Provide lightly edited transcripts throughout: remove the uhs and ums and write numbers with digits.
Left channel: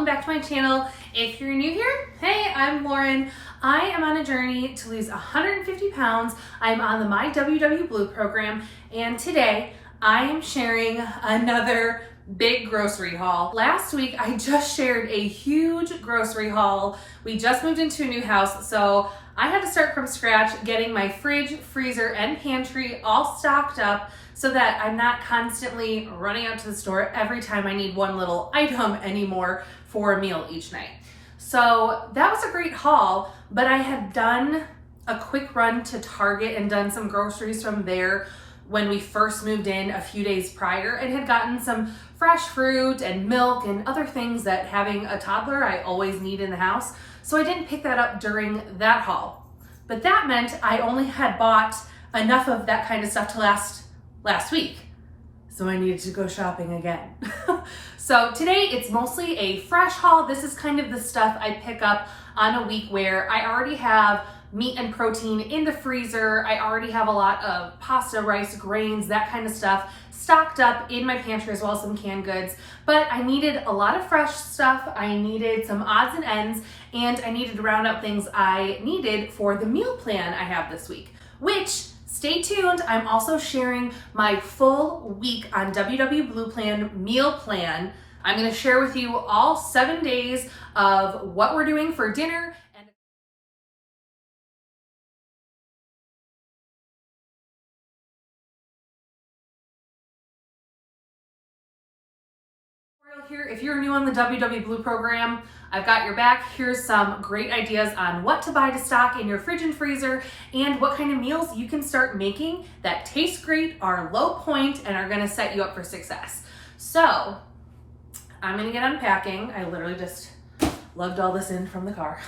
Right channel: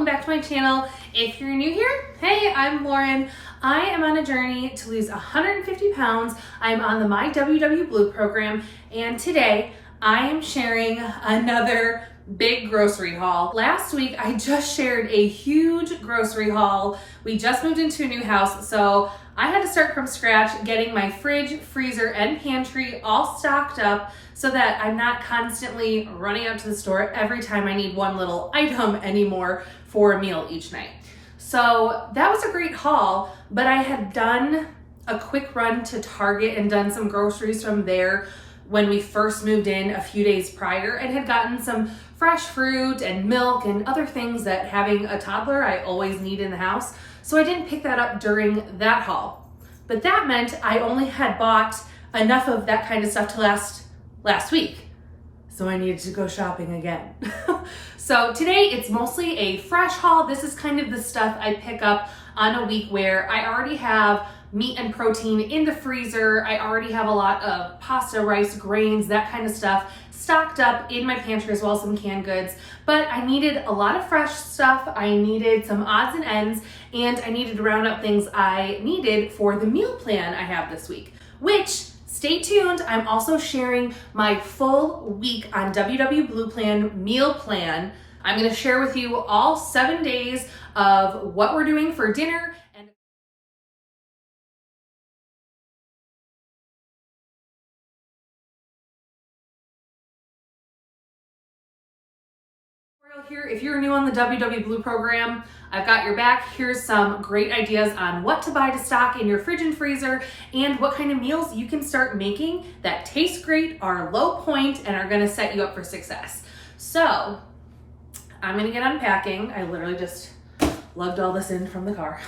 welcome back to my channel. If you're new here, hey, I'm Lauren. I am on a journey to lose 150 pounds. I'm on the My WW Blue program, and today I am sharing another big grocery haul. Last week, I just shared a huge grocery haul. We just moved into a new house, so I had to start from scratch getting my fridge, freezer, and pantry all stocked up so that I'm not constantly running out to the store every time I need one little item anymore for a meal each night. So that was a great haul, but I had done a quick run to Target and done some groceries from there when we first moved in a few days prior and had gotten some fresh fruit and milk and other things that having a toddler I always need in the house. So I didn't pick that up during that haul. But that meant I only had bought enough of that kind of stuff to last week. So I needed to go shopping again. So today it's mostly a fresh haul. This is kind of the stuff I pick up on a week where I already have meat and protein in the freezer. I already have a lot of pasta, rice, grains, that kind of stuff stocked up in my pantry, as well as some canned goods. But I needed a lot of fresh stuff. I needed some odds and ends, and I needed to round up things I needed for the meal plan I have this week, which, stay tuned, I'm also sharing my full week on WW Blue Plan meal plan. I'm gonna share with you all 7 days of what we're doing for dinner. Here, if you're new on the WW Blue program, I've got your back. Here's some great ideas on what to buy to stock in your fridge and freezer and what kind of meals you can start making that taste great, are low point, and are gonna set you up for success. So I'm gonna get unpacking. I literally just lugged all this in from the car.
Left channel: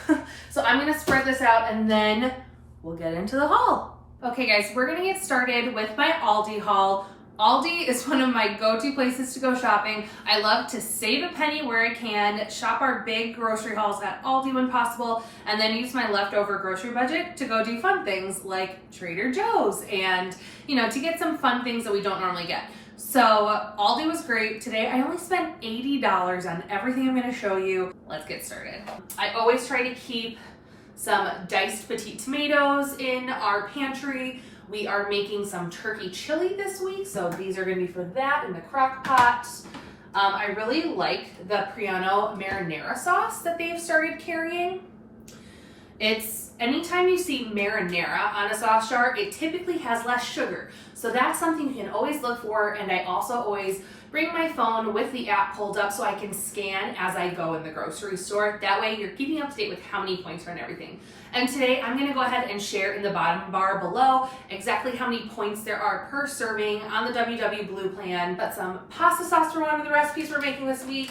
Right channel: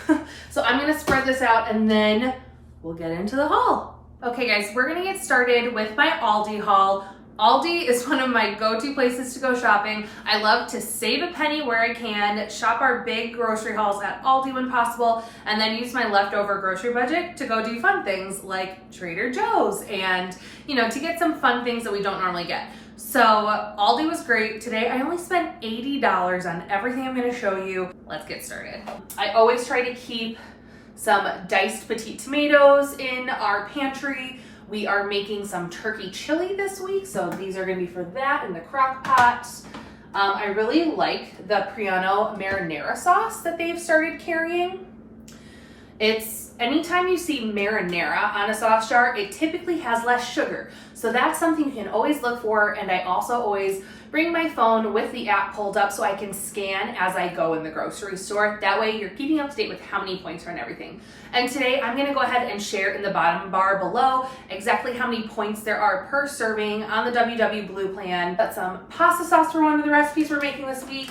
So I'm gonna spread this out and then we'll get into the haul. Okay guys, we're gonna get started with my Aldi haul. Aldi is one of my go-to places to go shopping. I love to save a penny where I can, shop our big grocery hauls at Aldi when possible, and then use my leftover grocery budget to go do fun things like Trader Joe's and, to get some fun things that we don't normally get. So Aldi was great. Today I only spent $80 on everything I'm gonna show you. Let's get started. I always try to keep some diced petite tomatoes in our pantry. We are making some turkey chili this week, so these are gonna be for that in the crock pot. I really like the Priano marinara sauce that they've started carrying. It's, anytime you see marinara on a sauce jar, it typically has less sugar. So that's something you can always look for, and I also always bring my phone with the app pulled up so I can scan as I go in the grocery store. That way you're keeping up to date with how many points are on everything. And today I'm gonna go ahead and share in the bottom bar below exactly how many points there are per serving on the WW Blue plan. Got some pasta sauce for one of the recipes we're making this week.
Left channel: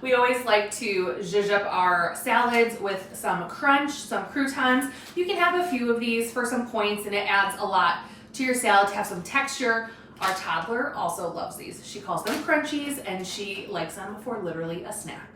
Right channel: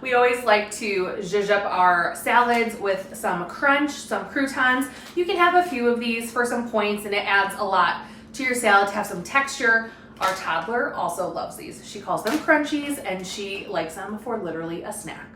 We always like to zhuzh up our salads with some crunch, some croutons. You can have a few of these for some points, and it adds a lot to your salad to have some texture. Our toddler also loves these. She calls them crunchies, and she likes them for literally a snack.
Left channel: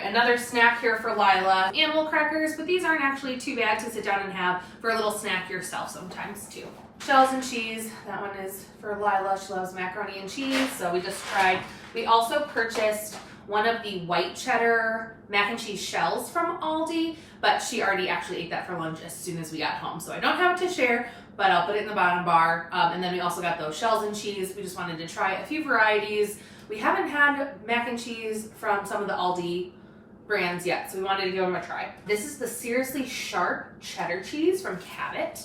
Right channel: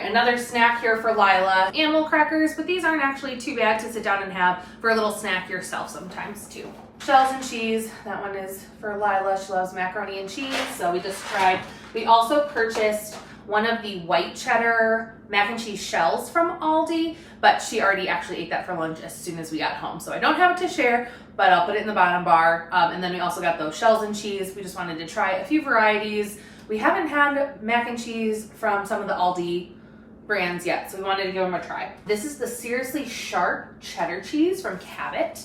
Another snack here for Lila, animal crackers, but these aren't actually too bad to sit down and have for a little snack yourself sometimes too. Shells and cheese, that one is for Lila. She loves macaroni and cheese, so we just tried. We also purchased one of the white cheddar mac and cheese shells from Aldi, but she already actually ate that for lunch as soon as we got home. So I don't have it to share, but I'll put it in the bottom bar. And then we also got those shells and cheese. We just wanted to try a few varieties. We haven't had mac and cheese from some of the Aldi brands yet, so we wanted to give them a try. This is the seriously sharp cheddar cheese from Cabot.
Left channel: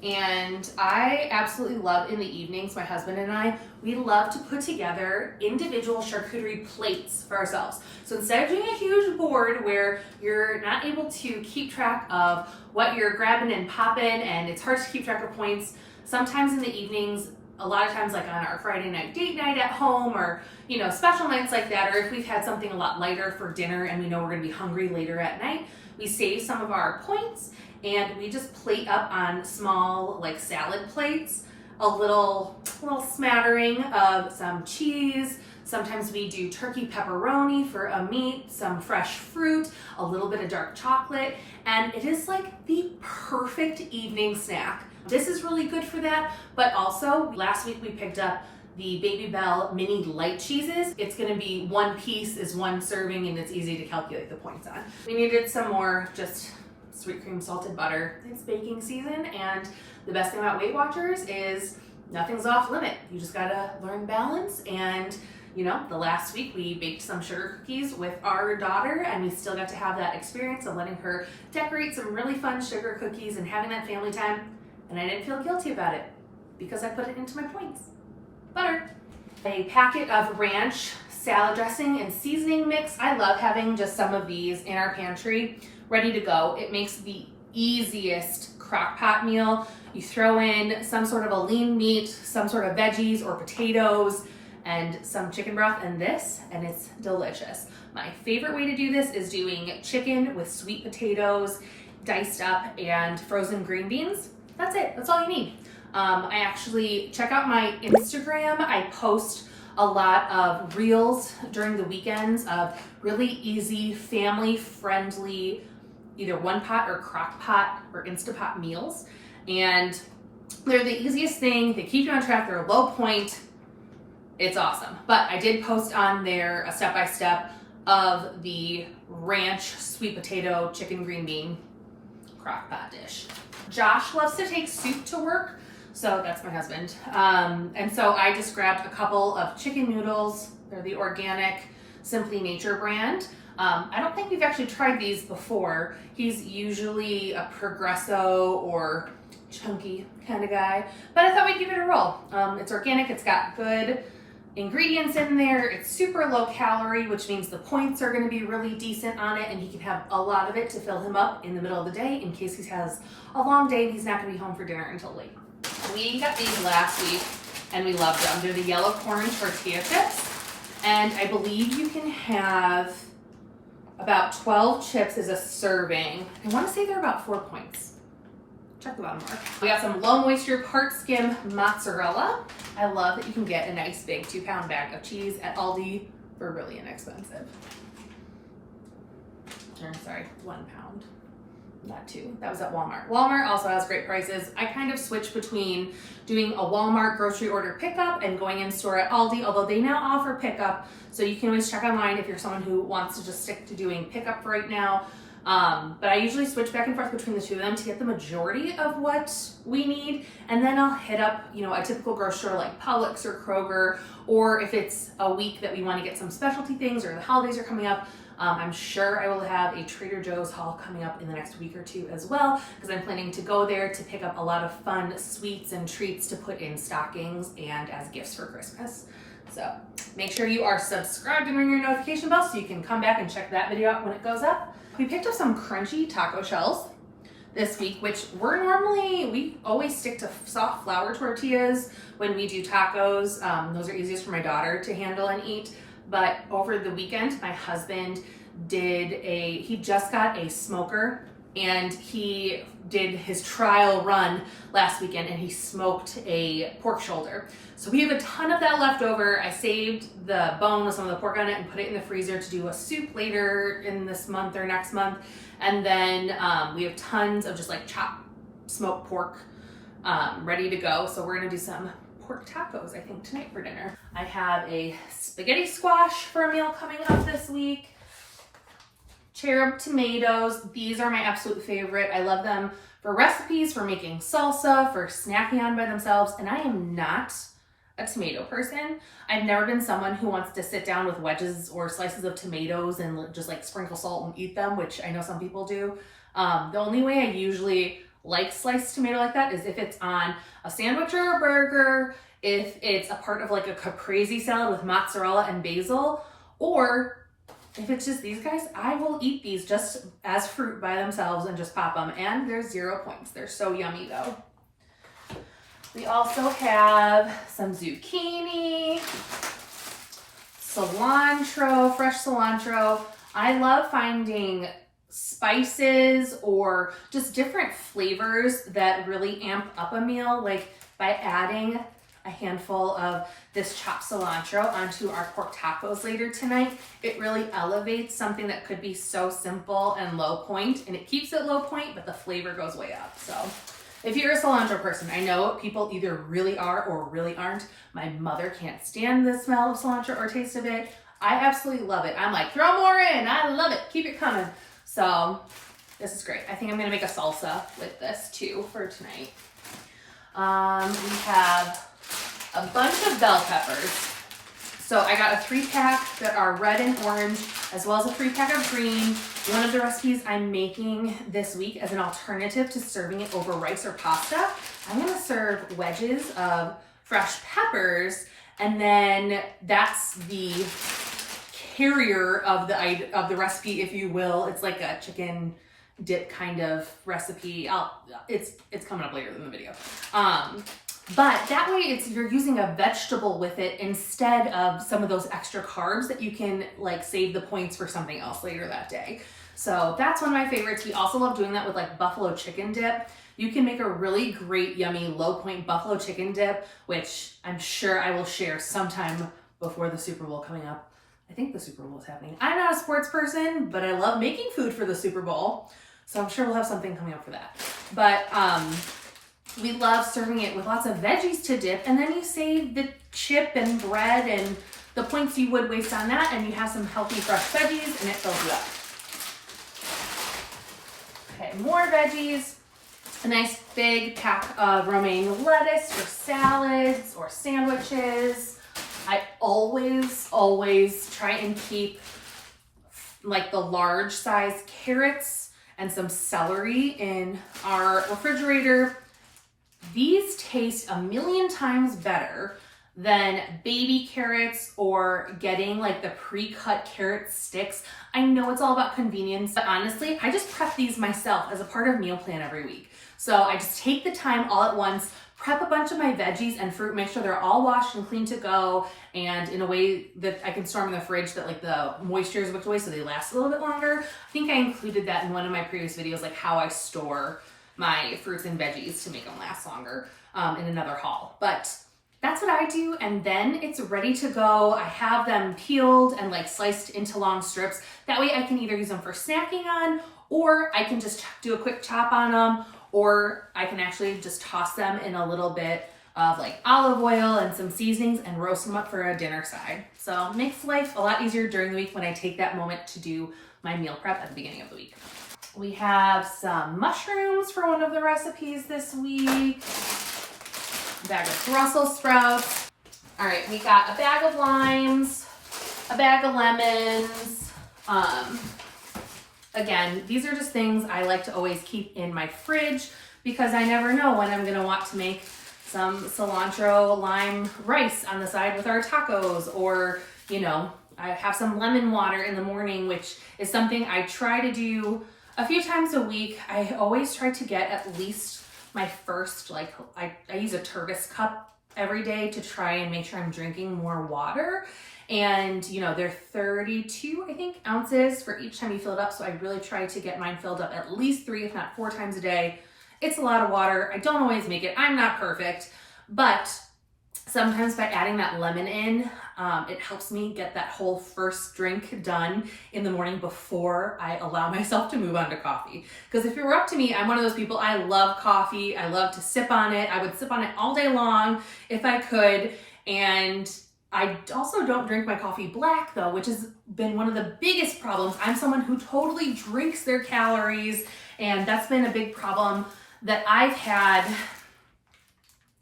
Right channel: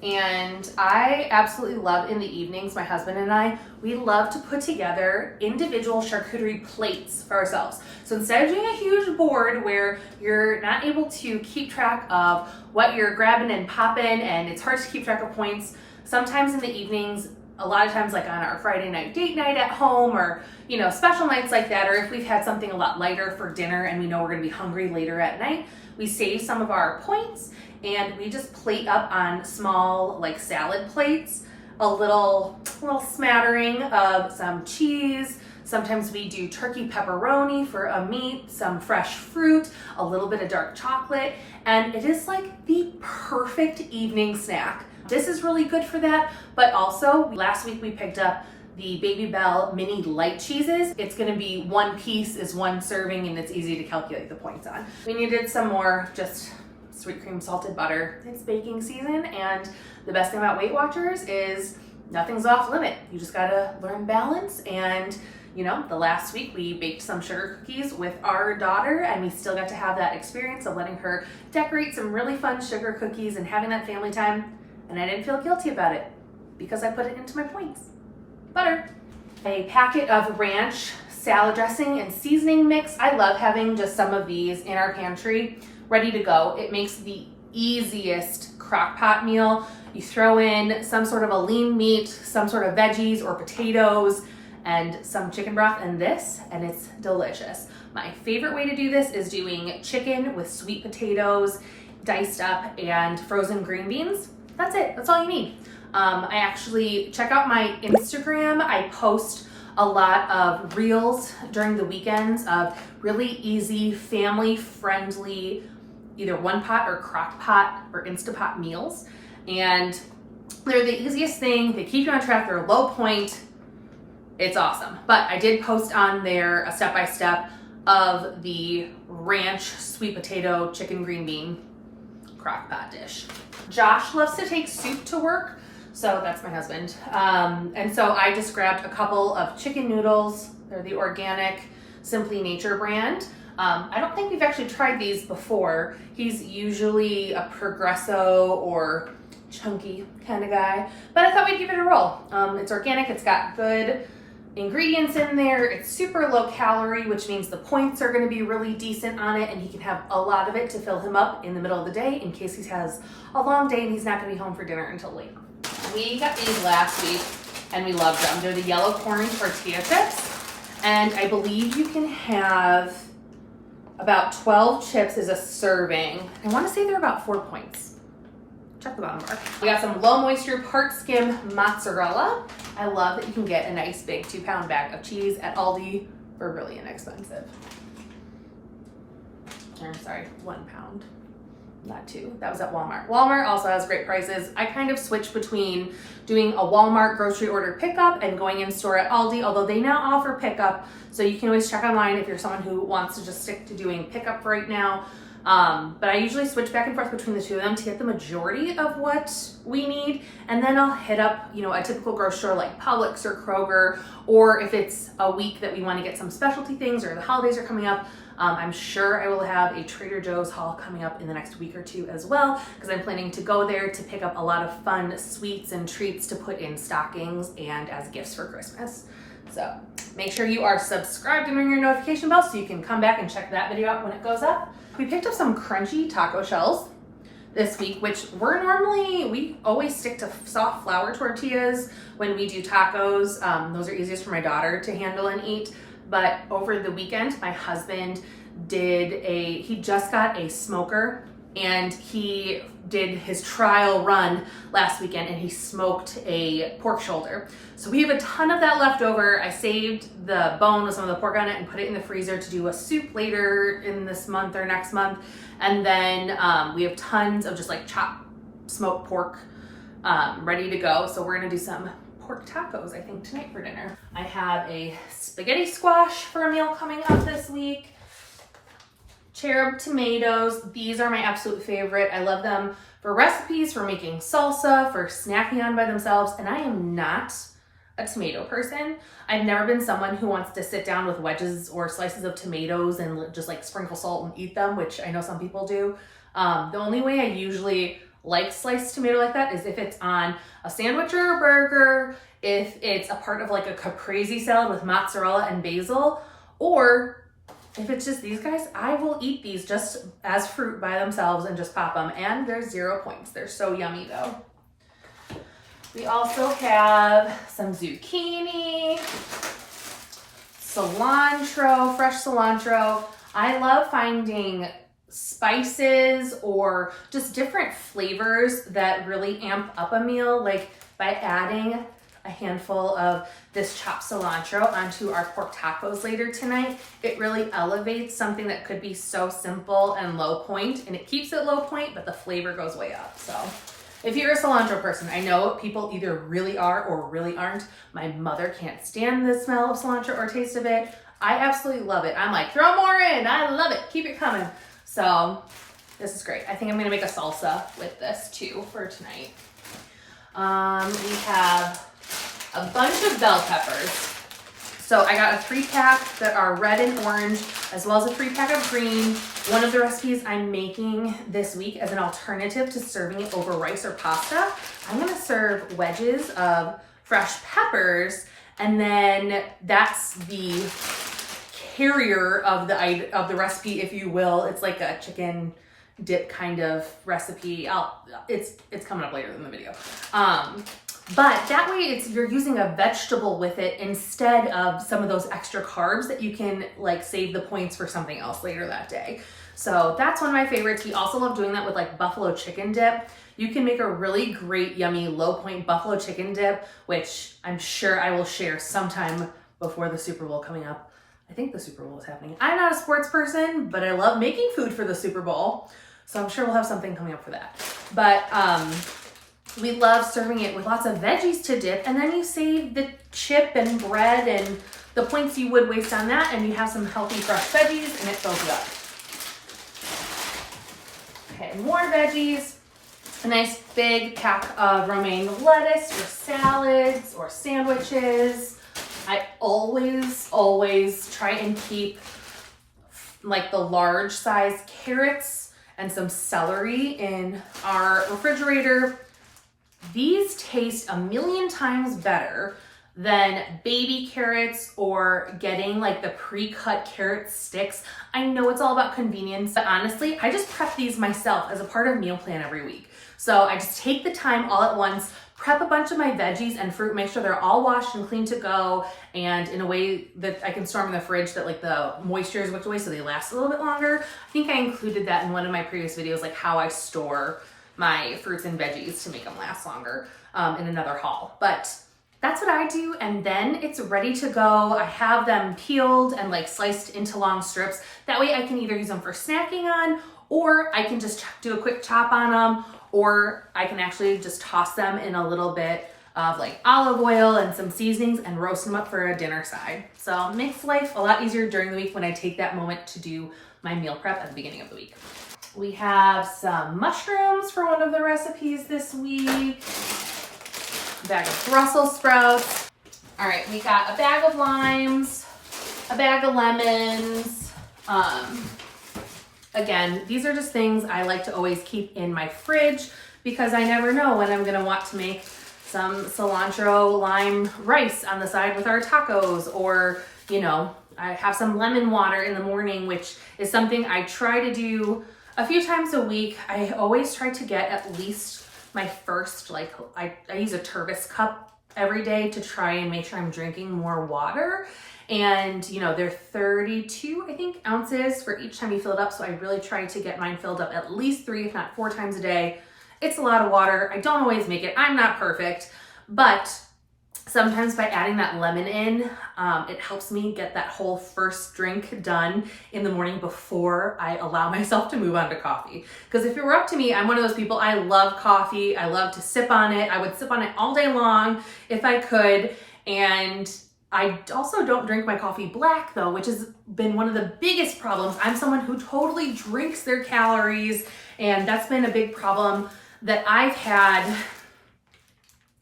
And I absolutely love, in the evenings, my husband and I, we love to put together individual charcuterie plates for ourselves. So instead of doing a huge board where you're not able to keep track of what you're grabbing and popping, and it's hard to keep track of points, sometimes in the evenings, a lot of times like on our Friday night date night at home, or special nights like that, or if we've had something a lot lighter for dinner and we know we're gonna be hungry later at night, we save some of our points and we just plate up on small like salad plates, a little smattering of some cheese. Sometimes we do turkey pepperoni for a meat, some fresh fruit, a little bit of dark chocolate, and it is like the perfect evening snack. This is really good for that, but also last week we picked up the Baby Bell mini light cheeses. It's gonna be 1 piece is 1 serving, and it's easy to calculate the points on. We needed some more just sweet cream salted butter. It's baking season, and the best thing about Weight Watchers is nothing's off limit. You just gotta learn balance. And you know, the last week we baked some sugar cookies with our daughter, and we still got to have that experience of letting her decorate some really fun sugar cookies and having that family time. And I didn't feel guilty about it because I put it into my points. Butter. A packet of ranch salad dressing and seasoning mix. I love having just some of these in our pantry ready to go. It makes the easiest crock pot meal. You throw in some sort of a lean meat, some sort of veggies or potatoes, and some chicken broth and this, and it's delicious. My favorite way to do this is doing chicken with sweet potatoes diced up and frozen green beans. That's it, that's all you need. I actually check out my Instagram. I post a lot of reels during the weekends of really easy, family-friendly, either one pot or crock pot or Instapot meals. And they're the easiest thing. They keep you on track, they're low point. It's awesome. But I did post on there a step-by-step of the ranch sweet potato chicken green bean crock pot dish. Josh loves to take soup to work, so that's my husband. And so I just grabbed a couple of chicken noodles. They're the organic Simply Nature brand. I don't think we've actually tried these before. He's usually a Progresso or chunky kind of guy, but I thought we'd give it a roll. It's organic, it's got good ingredients in there, it's super low calorie, which means the points are going to be really decent on it, and he can have a lot of it to fill him up in the middle of the day in case he has a long day and he's not going to be home for dinner until late. We got these last week and we loved them. They're the yellow corn tortilla chips, and I believe you can have about 12 chips as a serving. I want to say they're about 4 points. Check the bottom bar. We got some low moisture part skim mozzarella. I love that you can get a nice big 2-pound bag of cheese at Aldi for really inexpensive. Or sorry, 1 pound, not 2. That was at Walmart. Walmart also has great prices. I kind of switch between doing a Walmart grocery order pickup and going in store at Aldi, although they now offer pickup. So you can always check online if you're someone who wants to just stick to doing pickup right now. But I usually switch back and forth between the two of them to get the majority of what we need. And then I'll hit up, you know, a typical grocery store like Publix or Kroger, or if it's a week that we want to get some specialty things or the holidays are coming up, I'm sure I will have a Trader Joe's haul coming up in the next week or two as well, because I'm planning to go there to pick up a lot of fun sweets and treats to put in stockings and as gifts for Christmas. So make sure you are subscribed and ring your notification bell so you can come back and check that video out when it goes up. We picked up some crunchy taco shells this week, which we always stick to soft flour tortillas when we do tacos. Those are easiest for my daughter to handle and eat. But over the weekend, my husband he just got a smoker, and he did his trial run last weekend, and he smoked a pork shoulder. So we have a ton of that left over. I saved the bone with some of the pork on it and put it in the freezer to do a soup later in this month or next month. And then we have tons of just like chopped smoked pork ready to go. So we're gonna do some pork tacos, I think, tonight for dinner. I have a spaghetti squash for a meal coming up this week. Cherub tomatoes. These are my absolute favorite. I love them for recipes, for making salsa, for snacking on by themselves. And I am not a tomato person. I've never been someone who wants to sit down with wedges or slices of tomatoes and just like sprinkle salt and eat them, which I know some people do. The only way I usually like sliced tomato like that is if it's on a sandwich or a burger, if it's a part of like a caprese salad with mozzarella and basil, or if it's just these guys, I will eat these just as fruit by themselves and just pop them. And they're 0 points. They're so yummy though. We also have some zucchini, cilantro, fresh cilantro. I love finding spices or just different flavors that really amp up a meal, like by adding a handful of this chopped cilantro onto our pork tacos later tonight. It really elevates something that could be so simple and low point, and it keeps it low point, but the flavor goes way up. So If you're a cilantro person, I know people either really are or really aren't. My mother can't stand the smell of cilantro or taste of it. I absolutely love it. I'm like, throw more in. I love it. Keep it coming. So this is great. I think I'm going to make a salsa with this too for tonight. We have a bunch of bell peppers. So I got a 3-pack that are red and orange, as well as a 3-pack of green. One of the recipes I'm making this week as an alternative to serving it over rice or pasta, I'm gonna serve wedges of fresh peppers, and then that's the carrier of the recipe, if you will. It's like a chicken dip kind of recipe. It's coming up later in the video. But that way you're using a vegetable with it instead of some of those extra carbs that you can like save the points for something else later that day. So that's one of my favorites. We also love doing that with like buffalo chicken dip. You can make a really great, yummy, low point buffalo chicken dip, which I'm sure I will share sometime before the Super Bowl coming up. I think the Super Bowl is happening. I'm not a sports person, but I love making food for the Super Bowl. So I'm sure we'll have something coming up for that. But we love serving it with lots of veggies to dip, and then you save the chip and bread and the points you would waste on that, and you have some healthy fresh veggies, and it fills you up. Okay, more veggies. A nice big pack of romaine lettuce for salads or sandwiches. I always try and keep like the large size carrots and some celery in our refrigerator. These taste a million times better than baby carrots or getting like the pre-cut carrot sticks. I know it's all about convenience, but honestly, I just prep these myself as a part of meal plan every week. So I just take the time all at once, prep a bunch of my veggies and fruit, make sure they're all washed and clean to go, and in a way that I can store them in the fridge that like the moisture is whipped away so they last a little bit longer. I think I included that in one of my previous videos, like how I store my fruits and veggies to make them last longer in another haul. But that's what I do, and then it's ready to go. I have them peeled and like sliced into long strips. That way I can either use them for snacking on, or I can just do a quick chop on them, or I can actually just toss them in a little bit of like olive oil and some seasonings and roast them up for a dinner side. So it makes life a lot easier during the week when I take that moment to do my meal prep at the beginning of the week. We have some mushrooms for one of the recipes this week. A bag of Brussels sprouts. All right, we got a bag of limes, a bag of lemons. Again, these are just things I like to always keep in my fridge because I never know when I'm gonna want to make some cilantro lime rice on the side with our tacos, or, you know, I have some lemon water in the morning, which is something I try to do a few times a week. I always try to get at least my first, like, I use a Turbis cup every day to try and make sure I'm drinking more water. And, you know, they're 32, I think, ounces for each time you fill it up. So I really try to get mine filled up at least 3, if not 4 times a day. It's a lot of water. I don't always make it. I'm not perfect, but sometimes by adding that lemon in, it helps me get that whole first drink done in the morning before I allow myself to move on to coffee. Because if it were up to me, I'm one of those people, I love coffee. I love to sip on it. I would sip on it all day long if I could. And I also don't drink my coffee black though, which has been one of the biggest problems. I'm someone who totally drinks their calories, and that's been a big problem that I've had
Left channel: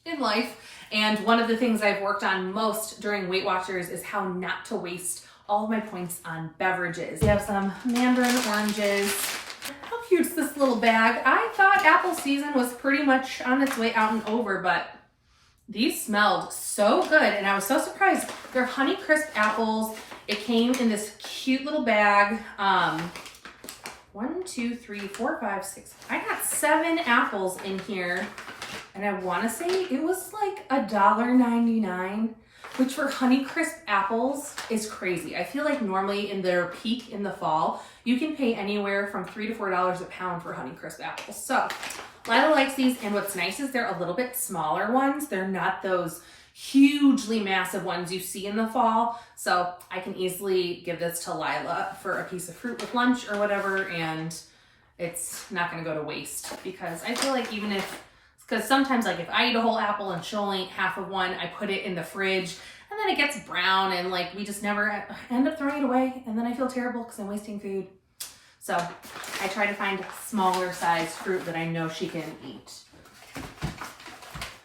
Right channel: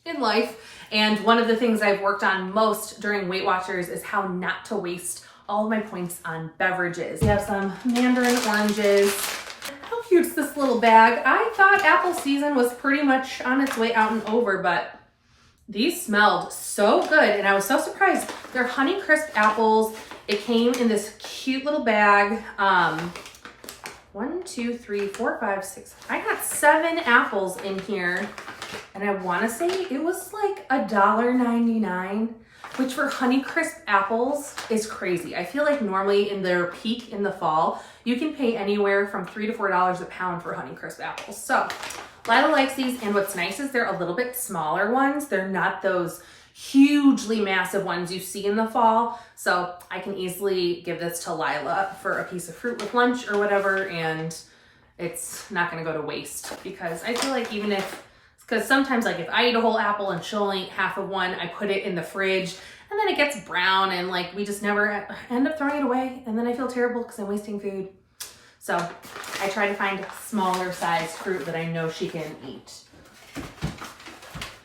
in life. And one of the things I've worked on most during Weight Watchers is how not to waste all of my points on beverages. We have some mandarin oranges. How cute's this little bag? I thought apple season was pretty much on its way out and over, but these smelled so good, and I was so surprised. They're Honey Crisp apples. It came in this cute little bag. 1, 2, 3, 4, 5, 6. I got 7 apples in here, and I want to say it was like $1.99, which for Honey Crisp apples is crazy. I feel like normally in their peak in the fall, you can pay anywhere from $3 to $4 a pound for Honey Crisp apples. So Lila likes these, and what's nice is they're a little bit smaller ones. They're not those hugely massive ones you see in the fall. So I can easily give this to Lila for a piece of fruit with lunch or whatever, and it's not gonna go to waste, because I feel like even if Because sometimes, like, if I eat a whole apple and she'll only eat half of one, I put it in the fridge and then it gets brown and like we just never end up throwing it away. And then I feel terrible because I'm wasting food. So I try to find smaller sized fruit that I know she can eat.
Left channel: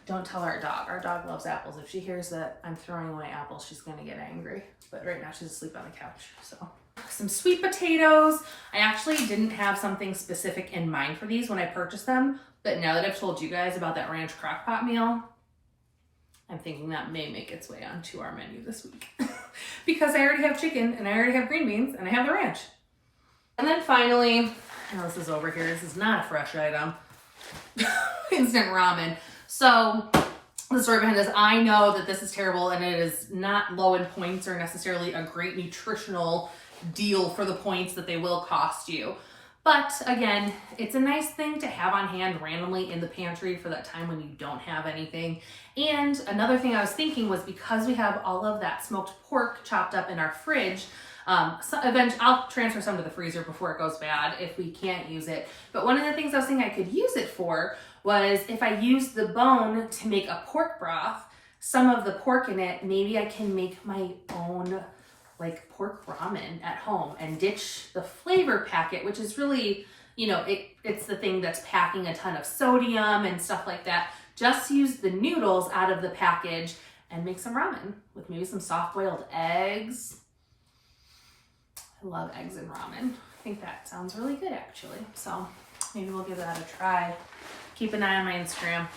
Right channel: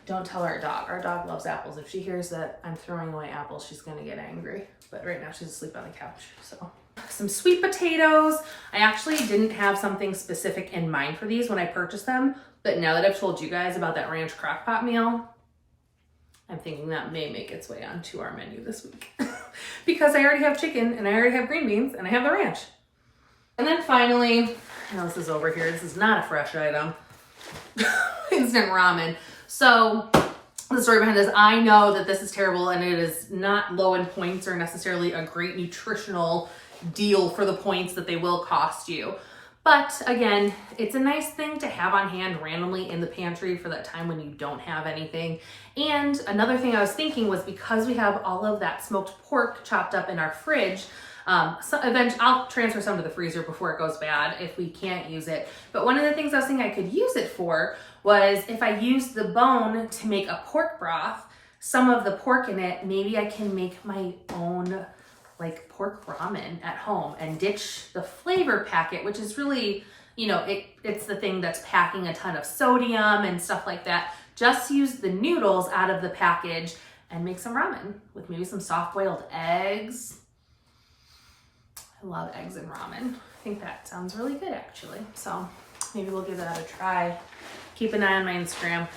Don't tell our dog. Our dog loves apples. If she hears that I'm throwing away apples, she's gonna get angry. But right now she's asleep on the couch, so. Some sweet potatoes. I actually didn't have something specific in mind for these when I purchased them, but now that I've told you guys about that ranch crockpot meal, I'm thinking that may make its way onto our menu this week. Because I already have chicken and I already have green beans and I have the ranch. And then finally, oh, this is over here. This is not a fresh item. Instant ramen. So the story behind this, I know that this is terrible and it is not low in points or necessarily a great nutritional deal for the points that they will cost you. But again, it's a nice thing to have on hand randomly in the pantry for that time when you don't have anything. And another thing I was thinking was because we have all of that smoked pork chopped up in our fridge, so eventually I'll transfer some to the freezer before it goes bad if we can't use it. But one of the things I was thinking I could use it for was if I use the bone to make a pork broth, some of the pork in it, maybe I can make my own like pork ramen at home and ditch the flavor packet, which is really, you know, it's the thing that's packing a ton of sodium and stuff like that. Just use the noodles out of the package and make some ramen with maybe some soft boiled eggs. I love eggs in ramen. I think that sounds really good actually. So maybe we'll give that a try. Keep an eye on my Instagram.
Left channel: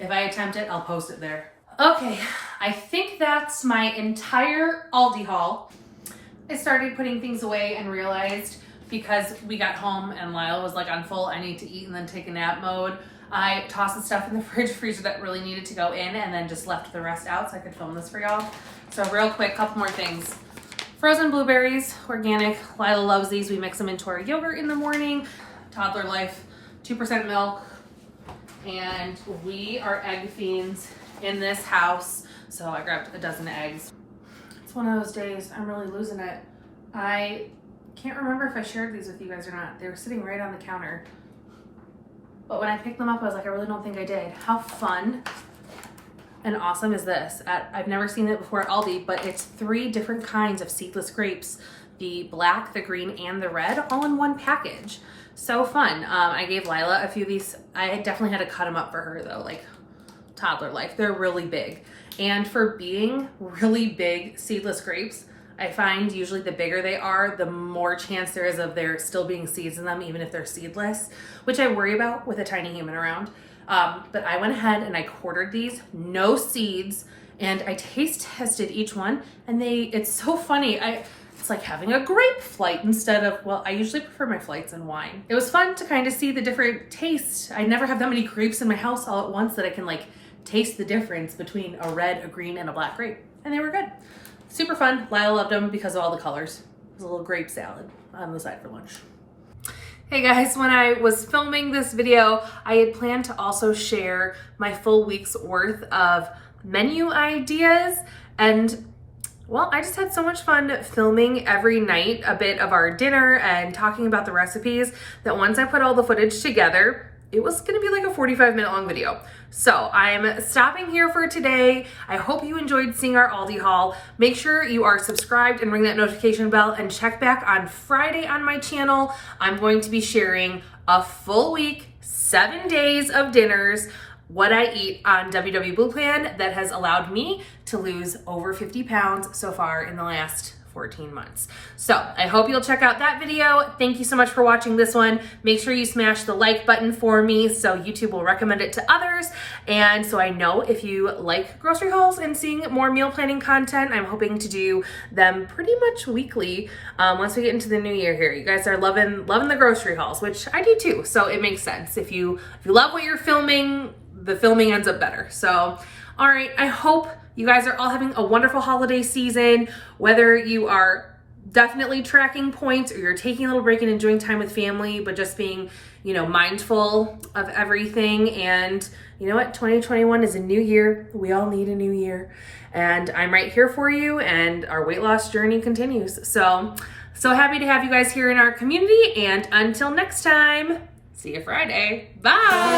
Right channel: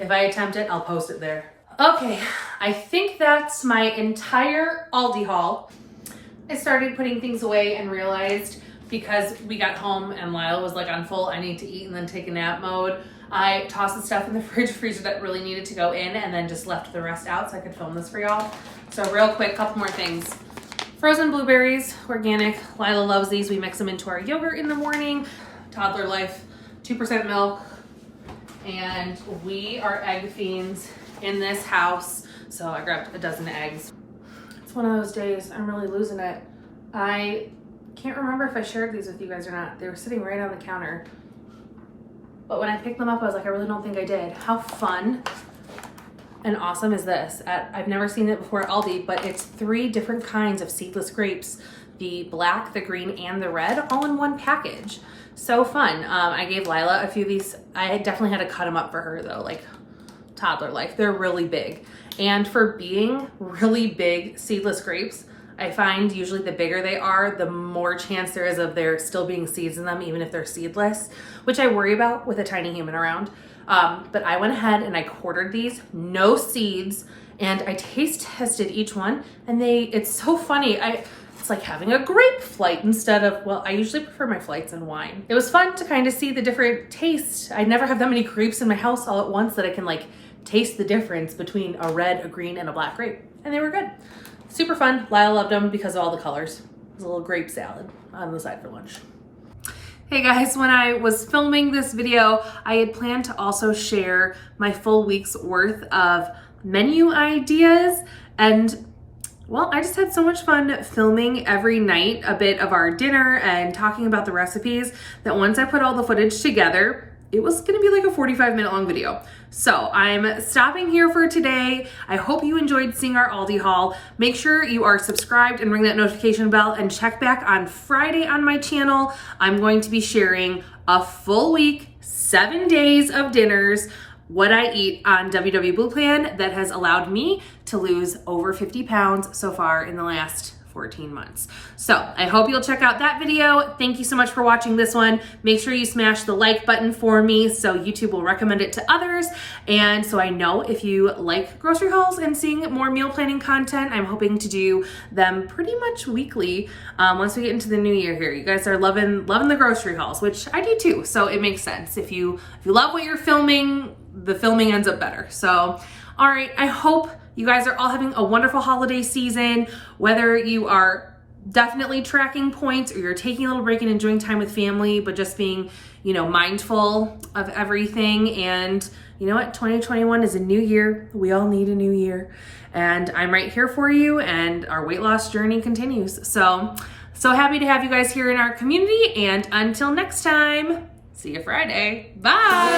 If I attempt it, I'll post it there. Okay, I think that's my entire Aldi haul. I started putting things away and realized because we got home and Lila was like on full I need to eat and then take a nap mode, I tossed the stuff in the fridge freezer that really needed to go in and then just left the rest out so I could film this for y'all. So real quick, couple more things. Frozen blueberries, organic. Lila loves these. We mix them into our yogurt in the morning. Toddler Life, 2% milk. And we are egg fiends in this house. So I grabbed a dozen eggs. It's one of those days, I'm really losing it. I can't remember if I shared these with you guys or not. They were sitting right on the counter. But when I picked them up, I was like, I really don't think I did. How fun and awesome is this? I've never seen it before at Aldi, but it's 3 different kinds of seedless grapes. The black, the green, and the red, all in one package. So fun. I gave Lila a few of these. I definitely had to cut them up for her though, like Toddler Life. They're really big. And for being really big seedless grapes, I find usually the bigger they are, the more chance there is of there still being seeds in them, even if they're seedless, which I worry about with a tiny human around. But I went ahead and I quartered these, no seeds, and I taste tested each one, and it's so funny. It's like having a grape flight instead of, well, I usually prefer my flights in wine. It was fun to kind of see the different tastes. I never have that many grapes in my house all at once that I can like taste the difference between a red, a green, and a black grape. And they were good. Super fun. Lyle loved them because of all the colors. It was a little grape salad on the side for lunch. Hey guys, when I was filming this video, I had planned to also share my full week's worth of menu ideas, and well, I just had so much fun filming every night a bit of our dinner and talking about the recipes that once I put all the footage together, it was gonna be like a 45-minute long video. So I'm stopping here for today. I hope you enjoyed seeing our Aldi haul. Make sure you are subscribed and ring that notification bell and check back on Friday on my channel. I'm going to be sharing a full week, 7 days of dinners, what I eat on WW Blue Plan that has allowed me to lose over 50 pounds so far in the last 14 months. So I hope you'll check out that video. Thank you so much for watching this one. Make sure you smash the like button for me so YouTube will recommend it to others. And so I know if you like grocery hauls and seeing more meal planning content, I'm hoping to do them pretty much weekly once we get into the new year here. You guys are loving the grocery hauls, which I do too. So it makes sense. If you love what you're filming, the filming ends up better. So, all right, I hope you guys are all having a wonderful holiday season, whether you are definitely tracking points or you're taking a little break and enjoying time with family, but just being, mindful of everything. And you know what? 2021 is a new year. We all need a new year. And I'm right here for you, and our weight loss journey continues. So happy to have you guys here in our community. And until next time, see you Friday. Bye.